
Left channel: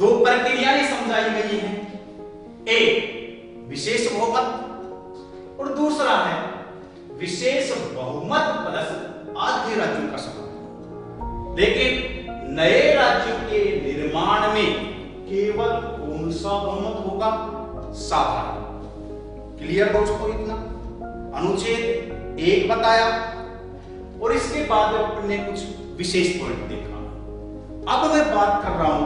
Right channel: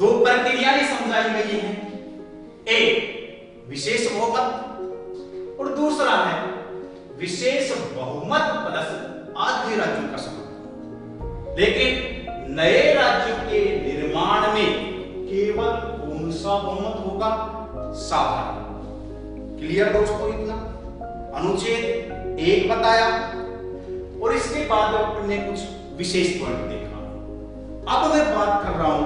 2 प्रक्रियाएं समझाई गई हैं। एक विशेष बहुमत और दूसरा है विशेष बहुमत प्लस आधे राज्यों का समर्थन। लेकिन नए राज्यों के निर्माण में केवल कौन सा बहुमत होगा? साधारण। क्लियर दोस्तों? इतना अनुच्छेद 1 बताया और इसके बाद अपने कुछ विशेष पॉइंट देखा। अब मैं बात कर रहा हूं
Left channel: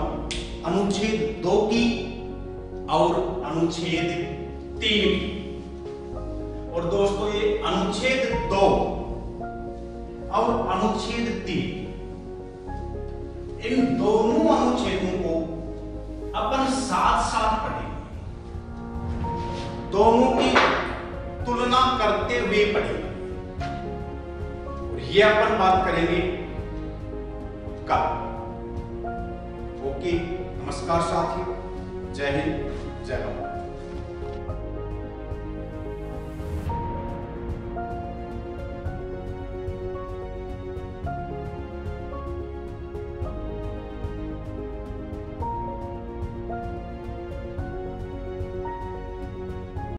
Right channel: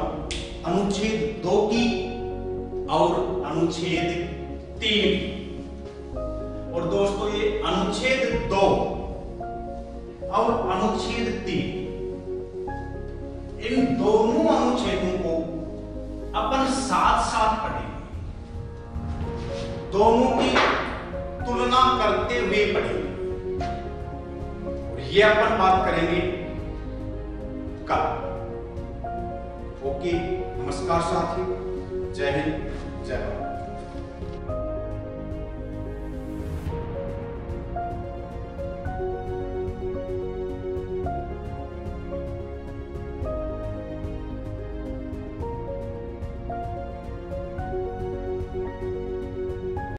अनुच्छेद 2 की और अनुच्छेद 3 की। और दोस्तों ये अनुच्छेद 2 और अनुच्छेद 3, इन दोनों अनुच्छेदों को अपन साथ साथ पढ़ेंगे, दोनों की तुलना करते हुए पढ़ेंगे और ये अपन बात करेंगे कल। ओके, नमस्कार साथियों, जय हिंद, जय भारत।